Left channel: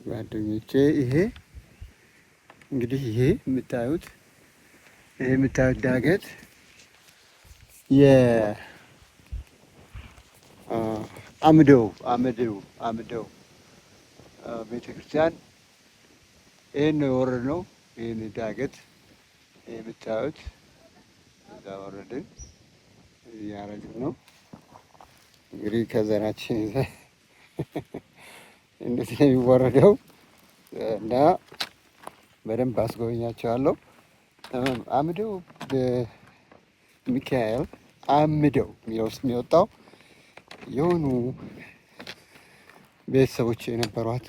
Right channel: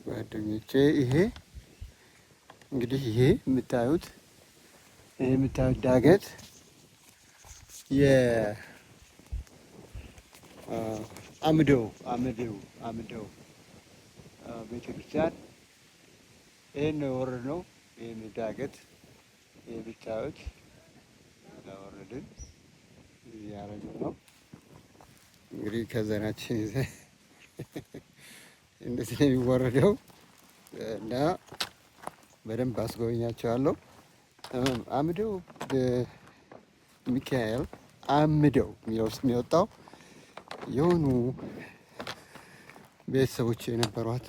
ጓደኞቼ ይሄ እንግዲህ ይሄ የምታዩት ዳገት የአምደው ቤተክርስቲያን ይሄን ነው የወረድነው። ይሄን ዳገት የምታዩት እዛ ወረድን እያረግን ነው እንግዲህ ከዘራችን ይዘን እንደዚህ ነው የሚወረደው እና በደንብ አስጎበኛቸዋለሁ። አምደው ሚካኤል አምደው የሚለው ስም የወጣው የሆኑ ቤተሰቦች የነበሯት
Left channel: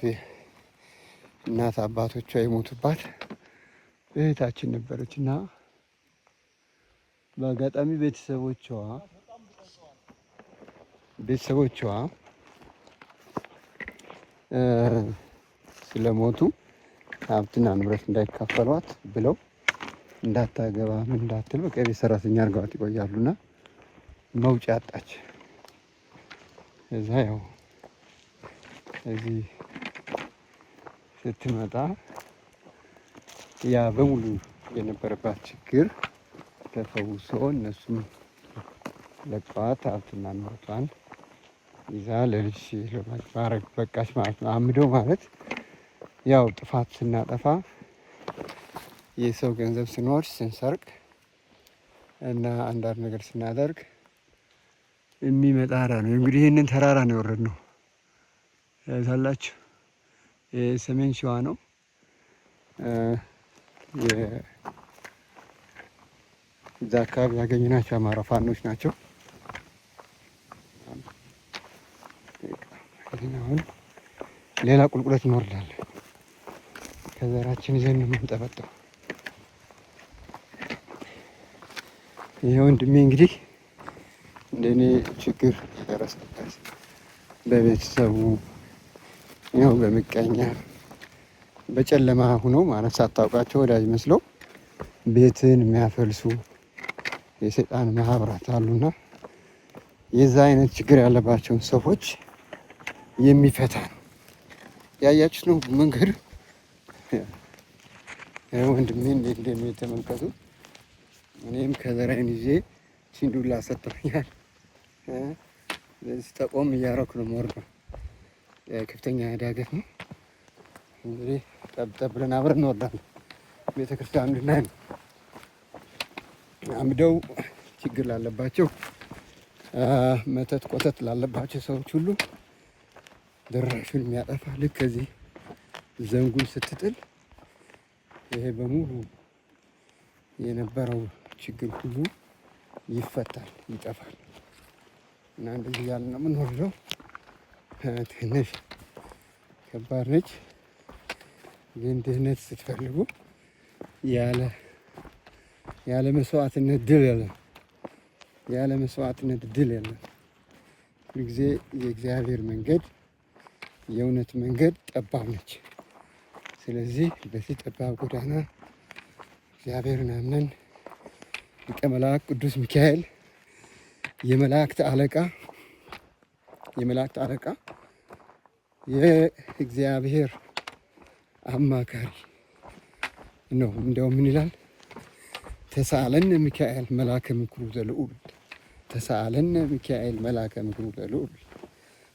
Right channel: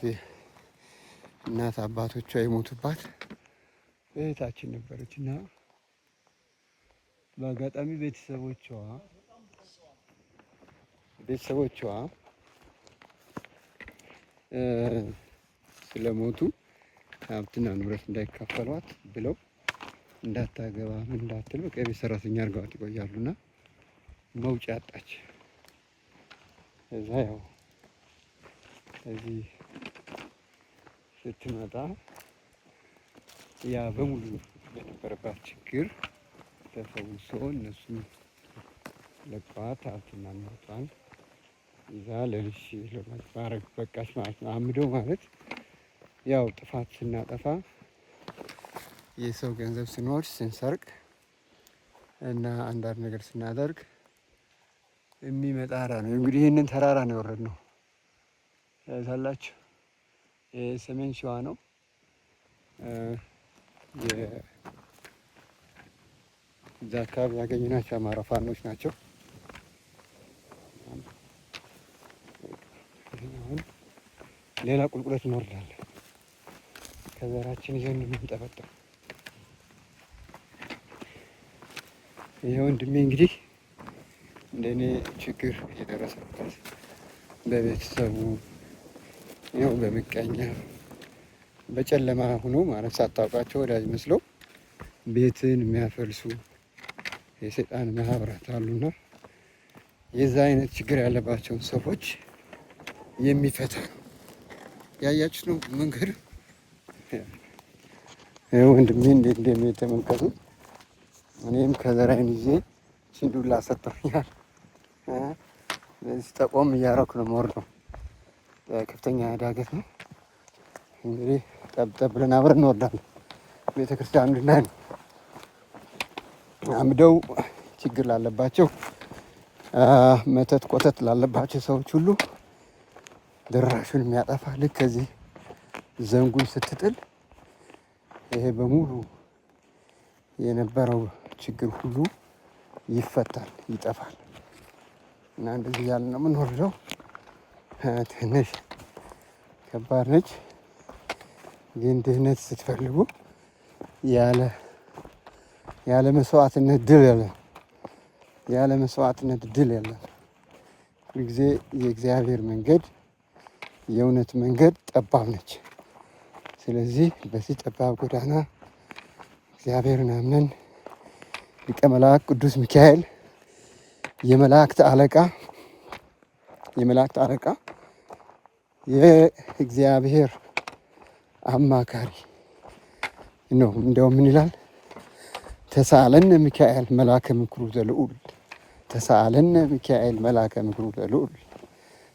እናት አባቶቿ የሞቱባት እህታችን ነበረች እና በአጋጣሚ ቤተሰቦቿ ስለሞቱ ሀብትና ንብረት እንዳይካፈሏት ብለው እንዳታገባ ምን እንዳትል በቃ የቤት ሰራተኛ አድርገዋት ይቆያሉና መውጫ አጣች። እዛ ያው እዚህ ስትመጣ ያ በሙሉ የነበረባት ችግር ተፈውሶ እነሱም ለቀዋት ሀብትና ንብረቷን ይዛ ለልጅ ለማድረግ በቃች ማለት ነው። አምደው ማለት ያው ጥፋት ስናጠፋ የሰው ገንዘብ ስንወስድ ስንሰርቅ እና አንዳንድ ነገር ስናደርግ የሚመጣ ነው። እንግዲህ ይህንን ተራራ ነው የወረድነው ታላችሁ። የሰሜን ሸዋ ነው። እዛ አካባቢ ያገኘናቸው አማራ ፋኖች ናቸው። አሁን ሌላ ቁልቁለት እንወርዳለን። ከዘራችን ይዘን ነው የምንጠበጠው። ይሄ ወንድሜ እንግዲህ እንደኔ ችግር የደረሰበት በቤተሰቡ ያው በምቀኛ በጨለማ ሆኖ ማለት ሳታውቃቸው ወዳጅ መስለው ቤትን የሚያፈልሱ የሰይጣን ማህበራት አሉና የዛ አይነት ችግር ያለባቸውን ሰዎች የሚፈታ ነው። ያያችሁት ነው መንገድ ወንድሜ እንዴት እንደሚሄድ ተመልከቱ። እኔም ከዘራዬን ይዤ ሲንዱላ ሰጥቶኛል። ስለዚህ ጠቆም እያደረኩ ነው የምወርደው። ከፍተኛ ዳገት ነው እንግዲህ ጠብጠብ ብለን አብረን እንወርዳለን። ቤተክርስቲያን እንድላል አምደው ችግር ላለባቸው መተት ቆተት ላለባቸው ሰዎች ሁሉ ድራሹን የሚያጠፋ ልክ ከዚህ ዘንጉን ስትጥል ይሄ በሙሉ የነበረው ችግር ሁሉ ይፈታል፣ ይጠፋል። እና እንደዚህ ያለ ነው የምንወርደው። ትንሽ ከባድ ነች፣ ግን ድህነት ስትፈልጉ ያለ መስዋዕትነት ድል የለም። ያለ መስዋዕትነት ድል የለም። ሁልጊዜ የእግዚአብሔር መንገድ የእውነት መንገድ ጠባብ ነች። ስለዚህ በዚህ ጠባብ ጎዳና እግዚአብሔርን አምነን ሊቀ መላእክት ቅዱስ ሚካኤል የመላእክት አለቃ የእግዚአብሔር አማካሪ ነው። እንደውም ምን ይላል? ተሳለነ ሚካኤል መልአከ ምክሩ ዘልዑል፣ ተሳለነ ሚካኤል መልአከ ምክሩ ዘልዑል፣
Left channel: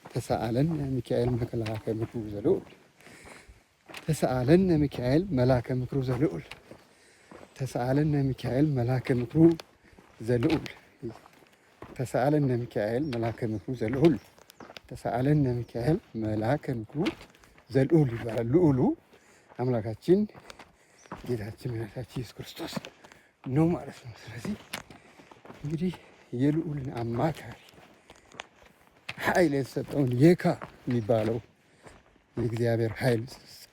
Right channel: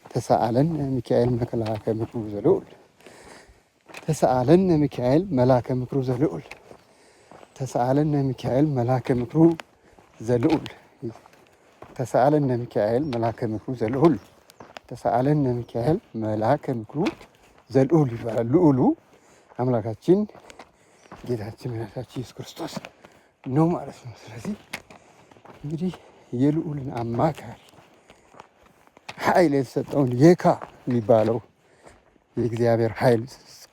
ተሳለነ ሚካኤል መልአከ ምክሩ ዘልዑል፣ ተሳለነ ሚካኤል መልአከ ምክሩ ዘልዑል፣ ተሳለነ ሚካኤል መልአከ ምክሩ ዘልዑል፣ ተሳለነ ሚካኤል መልአከ ምክሩ ዘልዑል፣ ተሳለነ ሚካኤል መልአከ ምክሩ ዘልዑል ይባላል። ልዑሉ አምላካችን ጌታችን መድኃኒታችን ኢየሱስ ክርስቶስ ነው ማለት ነው። ስለዚህ እንግዲህ የልዑልን አማካሪ ኃይል የተሰጠውን የካ የሚባለው የእግዚአብሔር ኃይል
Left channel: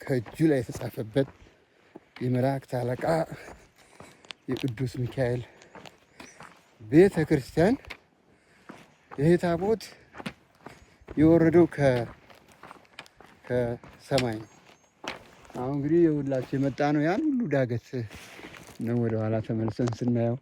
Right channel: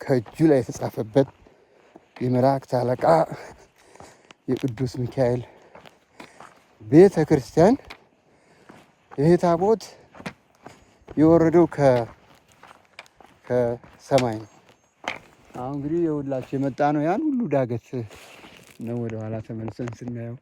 ከእጁ ላይ የተጻፈበት የመላእክት አለቃ የቅዱስ ሚካኤል ቤተ ክርስቲያን ይሄ ታቦት የወረደው ከሰማይ ነው። አሁን እንግዲህ የሁላችሁ የመጣ ነው ያን ሁሉ ዳገት ነው ወደ ኋላ ተመልሰን ስናየው